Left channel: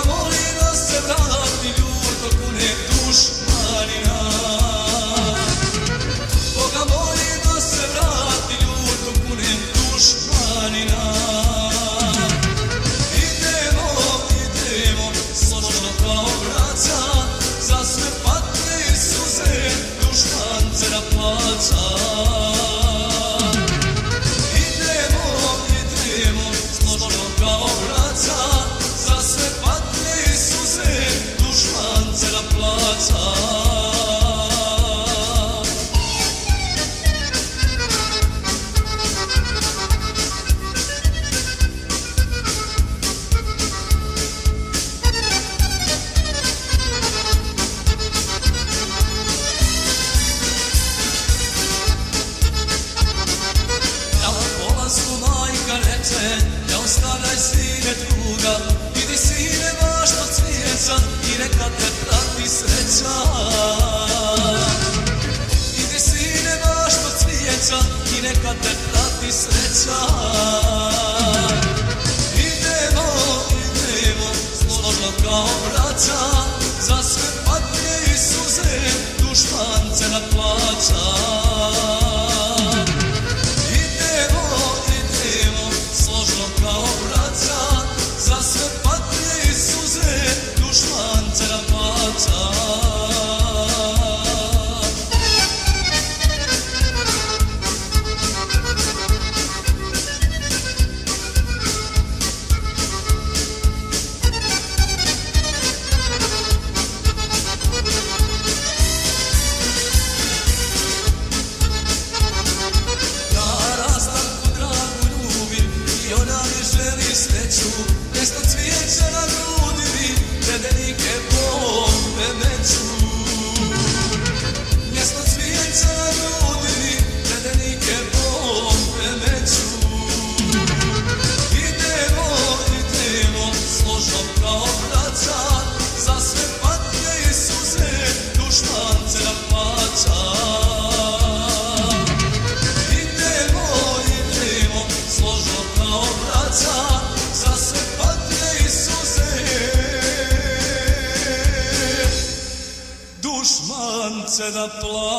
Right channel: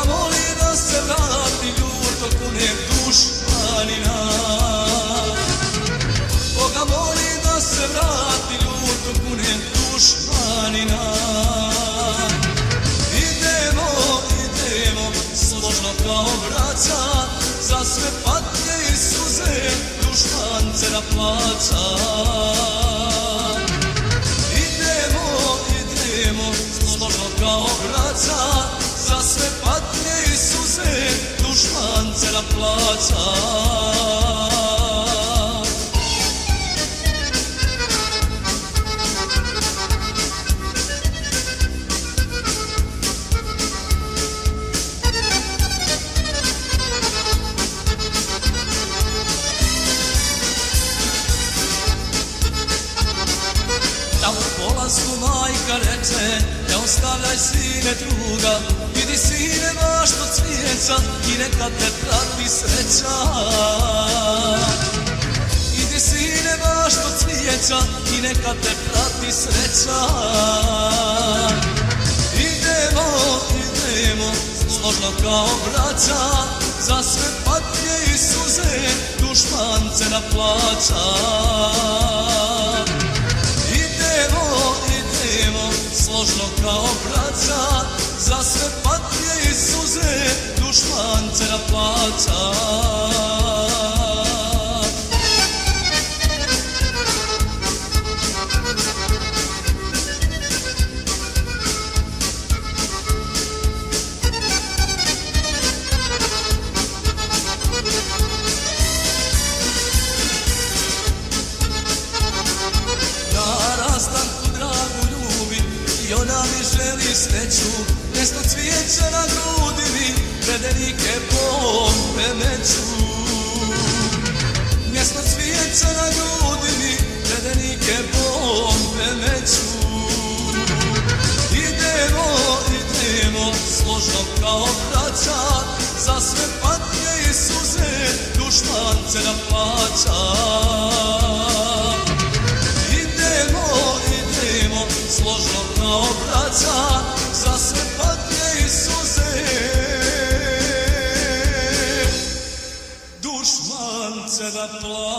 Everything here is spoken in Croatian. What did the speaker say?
Boga moli da se vrati ljuto kunek dušmanina. Boga moli da se vrati ljuto kunek dušmanina. Idemo, slobodno kao braca, za sve patnje i suze dušman te da plaća. Idemo, slobodno kao braca, za sve patnje i suze dušman te da plaća. Majka reče, ne ostavljaj sine druga, idi sine baš do cvijeća i neka te prati sreća. Idi sine baš do cvijeća i neka te prati sreća. Idemo, slobodno kao braća, za sve patnje i suze dušman te naplaća. Složno kao braća, za sve patnje i suze dušman te da plaća. Ja rastanku dragu ljubim i ona mi želi sreću, mjesto cvijeća na grudi redenike bombe meću. Mjesto cvijeća na grudi redenike bombe meću. Idemo, složno kao braća, za sve patnje i suze dušman te da plaća. Složno kao braća, za sve patnje i suze dušman te da plaća.